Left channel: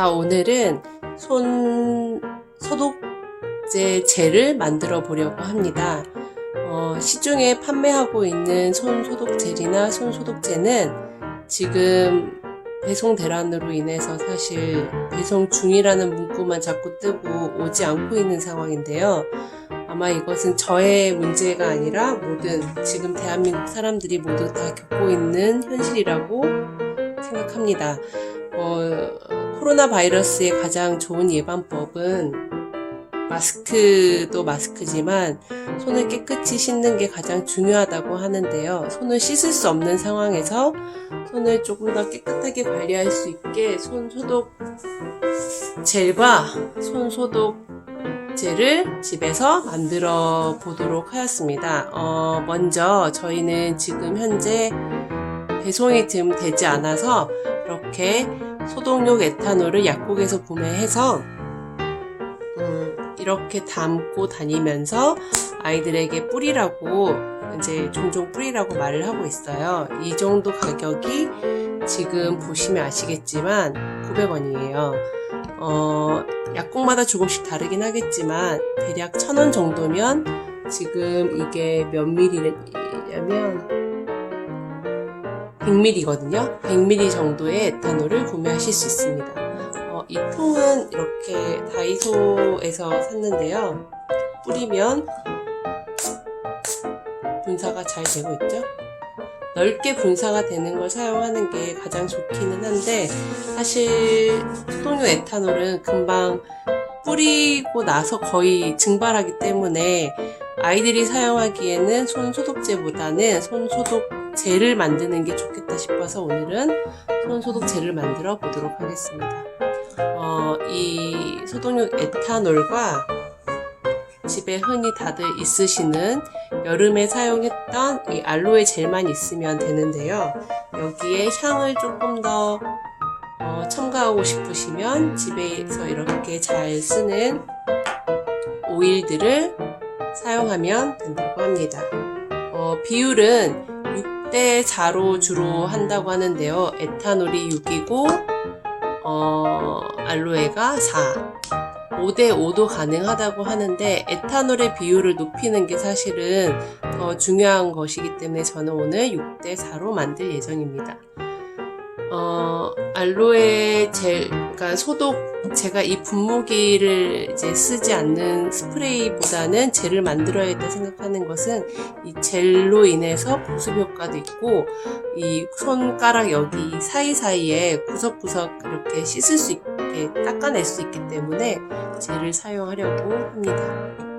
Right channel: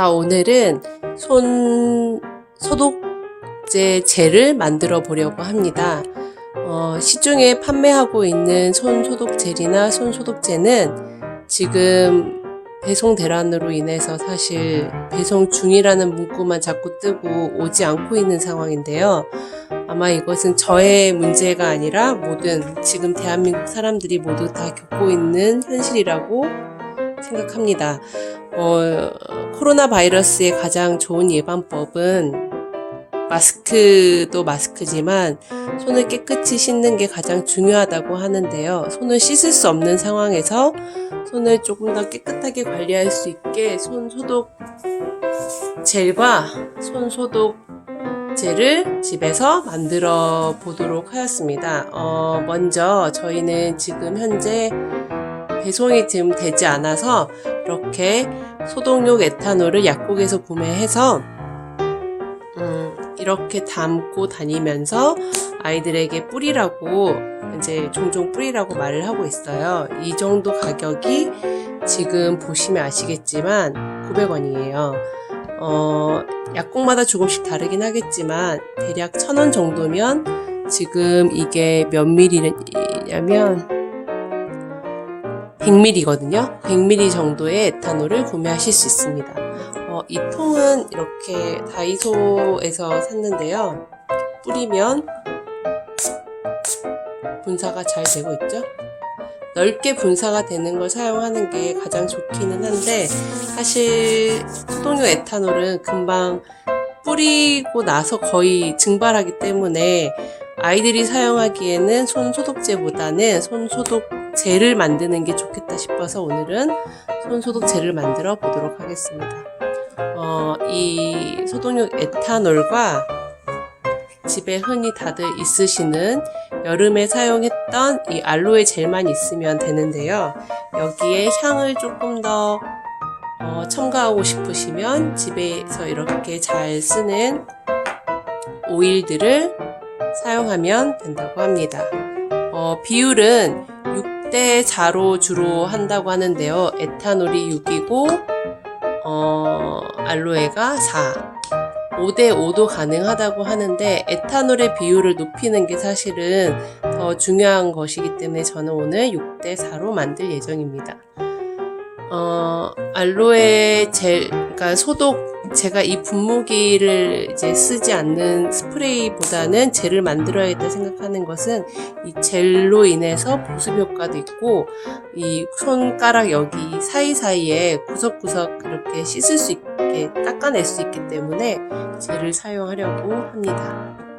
자, 오늘은 손 소독제 젤을 만들어 보려고 합니다. 어, 시중에 판매하고 있는 손 소독 젤이나 손 소독제는 지금 배송 대란으로 인해서 사실 배송 중이라는 문구만 자꾸 뜨고 오지 않고 있는 상황인데요. 아마 이것은 저의 문제가 아니라 모든 지금 대한민국 사람들이 모두 다 겪고 있는 현실이라고 생각합니다. 어, 코로나 바이러스의 가장 좋은 예방법은 마스크도 마스크지만 손을 깨끗이 씻는 게 가장 중요하다고 하는데요. 손을 씻을 수 없는 상황에서 손을 조금 더 깨끗하게 관리할 수 있게 손 소독 젤과 손 소독 젤을 집에서 만들어 보도록 하였습니다. 어, 먼저 저희는 지금 현재 배송이 지금 되지 않아서 이렇게 소독용 에탄올을 약국에서 구매해서 음, 이렇게 담고 다니면서 아이들에게 뿌리라고 이제 종종 뿌리라고 말을 하고 있어요. 이 정도 가격이 지금 보시면 아시겠지만 900원이에요. 어, 약국마다 조금씩 다르긴 하겠지만 대략 1000원 정도면 지금 이게 몇 밀리냐면 100ml거든요. 100ml 정도의 에탄올을 구매하실 수 있습니다. 어, 이 통은 이렇게 다이소에서 샀는데요. 뿌리면 분사가 잘 되고 있죠? 넓게 분사가 되는 걸 사용하는 게 가장 좋기는 한데 사실 소독용 에탄올은 금방 뿌리고 나서 거의 증발하기 때문에 아이들이 사용하기에는 손 소독제보다는 손 소독 젤을 만드는 게 좋겠다 싶어서 오늘은 손 소독 젤을 만들어 보도록 하겠습니다. 어, 이 소독용 에탄올과 집에 흔히 다들 있으시는 여름에 사용했던 이 알로에 젤만 있으면 되는데요. 여기에 향을 조금 더 어, 첨가하고 싶으시면 집에서 이렇게 잘 쓰는 오일들을 사용하면 된다고 합니다. 어, 비율은 6대 4로 주로 한다고 하는데요. 에탄올이 6이고 어, 알로에가 4. 5대 5도 가능하다고 하는데 에탄올의 비율을 높이는 게 사실은 더 중요한 것이기 때문에 저는 오늘 6대 4로 만들 예정입니다. 어, 알로에 젤, 그러니까 소독, 제가 이 분무기를 이제 쓰지 않는 스프레이보다는 젤을 만들어야겠다 생각하는 것은 이 젤로 인해서 보습 효과도 있고 이 손가락 여기 사이사이에 구석구석 이렇게 씻을 수 있게 닦아낼 수 있기 때문에 젤을 사용하려고 합니다.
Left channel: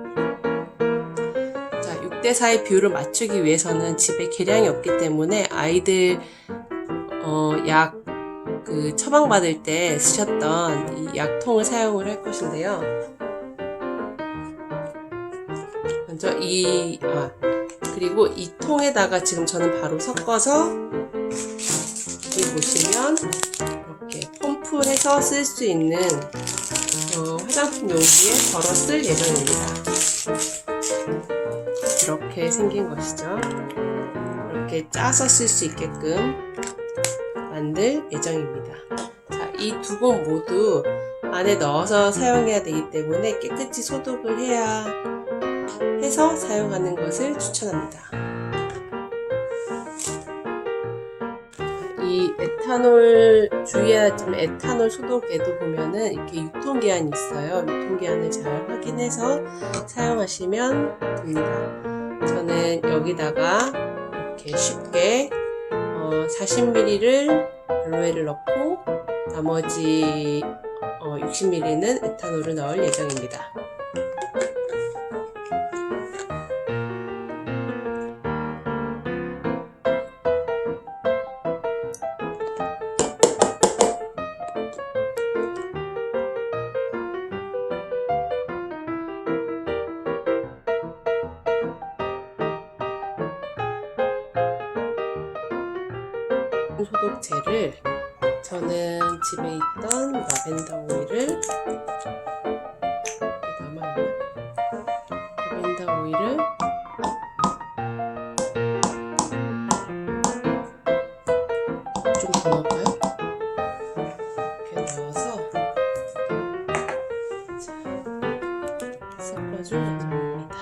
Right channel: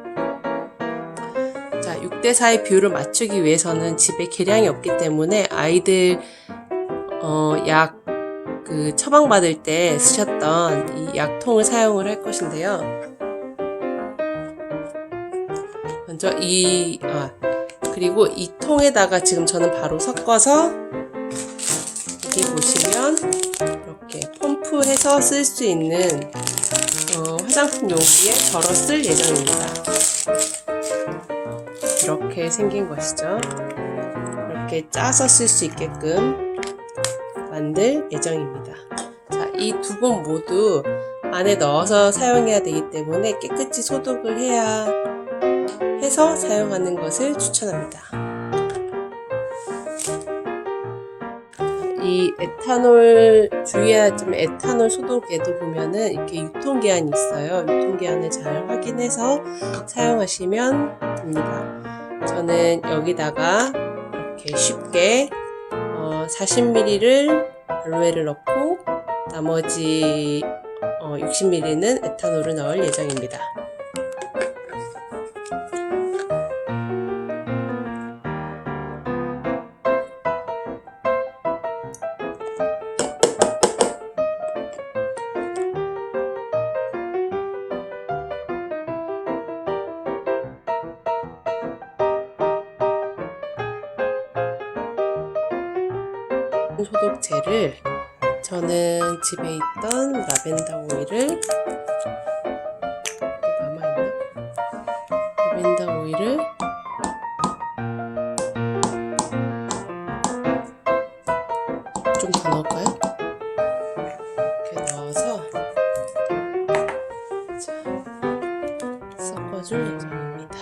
자, 6대4의 비율을 맞추기 위해서는 집에 계량이 없기 때문에 아이들 어, 약, 그, 처방받을 때 쓰셨던 이 약통을 사용을 할 것인데요. 먼저 이, 아, 그리고 이 통에다가 지금 저는 바로 섞어서, 여기 보시면, 이렇게 펌프해서 쓸 수 있는, 어, 화장품 용기에 덜어 쓸 예정입니다. 이렇게 생긴 것이죠. 이렇게 짜서 쓸 수 있게끔 만들 예정입니다. 자, 이 두 번 모두 안에 넣어서 사용해야 되기 때문에 깨끗이 소독을 해야 해서 사용하는 것을 추천합니다. 이 에탄올 주의하지만 에탄올 소독에도 보면은 이렇게 유통기한이 있어요. 유통기한을 잘 확인해서 사용하시면 됩니다. 저는 여기다가 이렇게 쉽게 어, 40ml를 알로에를 넣고 나머지 어, 60ml는 에탄올을 넣을 예정입니다. 화학 소독제를 저는 집에 있던 라벤더 오일을 남아있나? 라벤더 오일을 좀 더 넣을까요? 이렇게 넣어서 섞어줄 예정입니다.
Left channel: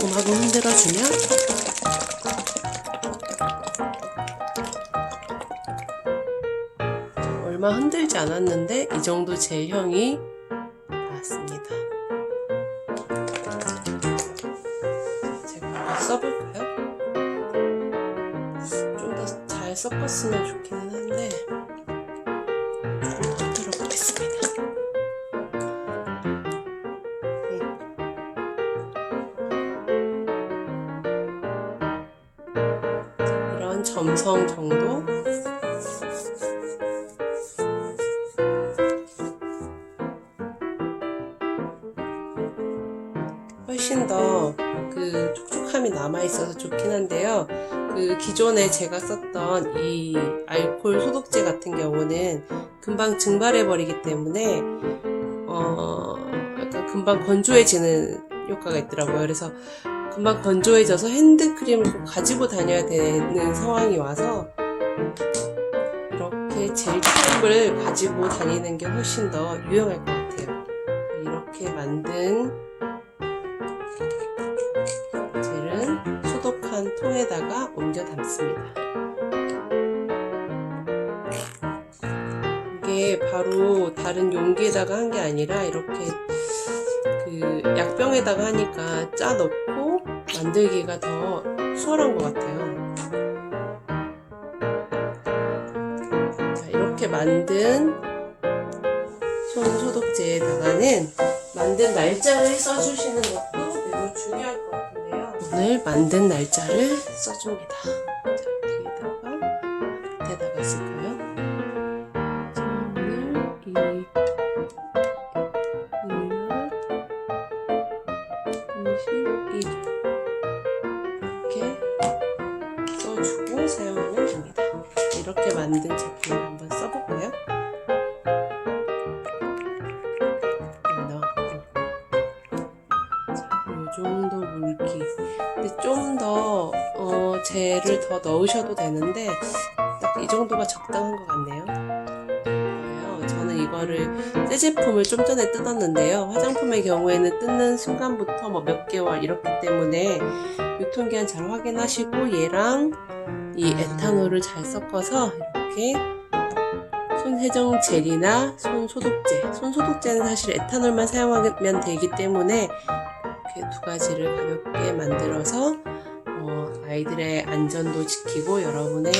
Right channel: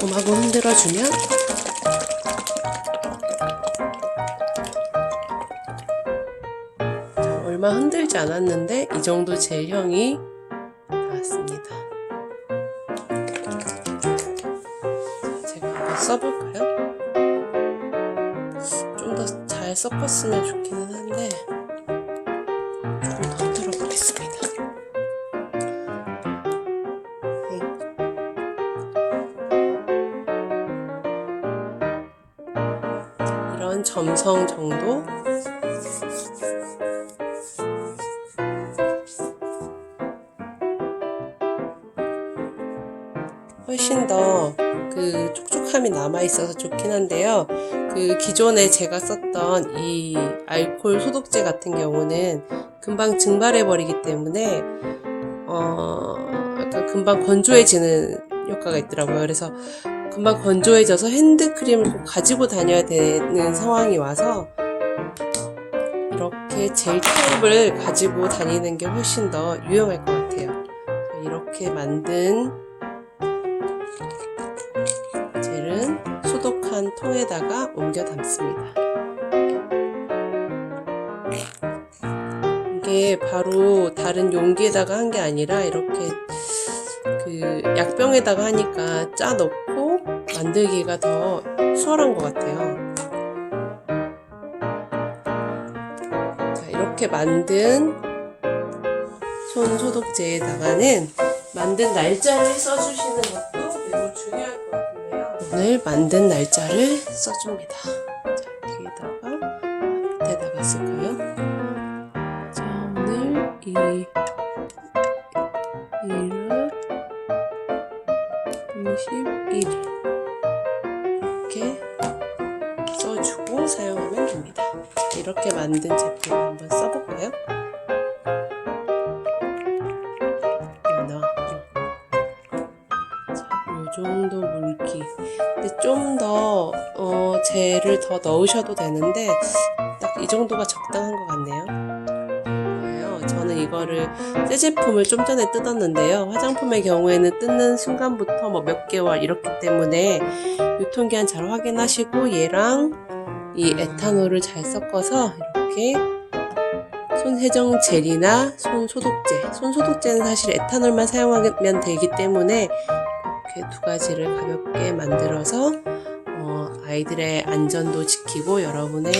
곰하고 흔들어주면 얼마 흔들지 않았는데 이 정도 제형이 나왔습니다. 자, 제가 한번 써볼까요? 좀 더 잘 섞었으면 좋기는 한데 조금 더 들어보겠습니다. 네. 이런 점성 정도 남아 있어서 좋긴 한데요. 그 기존에 제가 썼던 이 알코올 소독제 같은 경우는 금방 증발해 버리기 때문에 어 약간 금방 건조해지는 효과가 있더라고요. 그래서 금방 건조해져서 핸드크림을 꼭 가지고 다녀야 되는 상황이 와서 이렇게 젤 타입을 가지고 다니는 게 훨씬 더 유용할 것 같아요. 이렇게 만든 통에다가 옮겨 담습니다. 이게 바로 다른 용기에다가 한 게 아니라 이렇게 그 약병에다가 하니까 짜 넣고 만들기가 더 수월한 것 같아요. 자, 이렇게 만든 손 소독제에다가는 만든 날짜를 써주시는 것도 매우 중요할 것 같은데요. 오늘 만든 날짜를 써줍니다. 자, 뒤에다가 밑에다가 쓸 거예요. 자, 오늘 이 1월 21일 이렇게 써주고 사용하면 됩니다. 자, 이렇게 만든 제품을 한번 써볼까요? 넣어. 자, 요 정도 물기. 근데 좀 더, 어, 젤을 더 넣으셔도 되는데, 딱 이 정도가 적당한 것 같네요. 저는 이거를 새 제품을 좀 전에 뜯었는데요. 화장품의 경우에는 뜯는 순간부터 뭐 몇 개월 이렇기 때문에 유통기한 잘 확인하시고 얘랑 이 에탄올을 잘 섞어서 이렇게 손 세정 젤이나 손 소독제. 손 소독제는 사실 에탄올만 사용하면 되기 때문에 이렇게 두 가지를 가볍게 만들어서 어, 아이들의 안전도 지키고 여러분의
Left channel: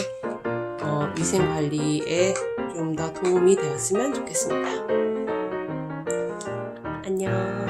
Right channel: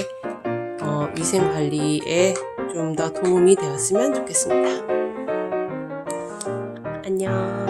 어, 위생 관리에 좀 더 도움이 되었으면 좋겠습니다. 안녕.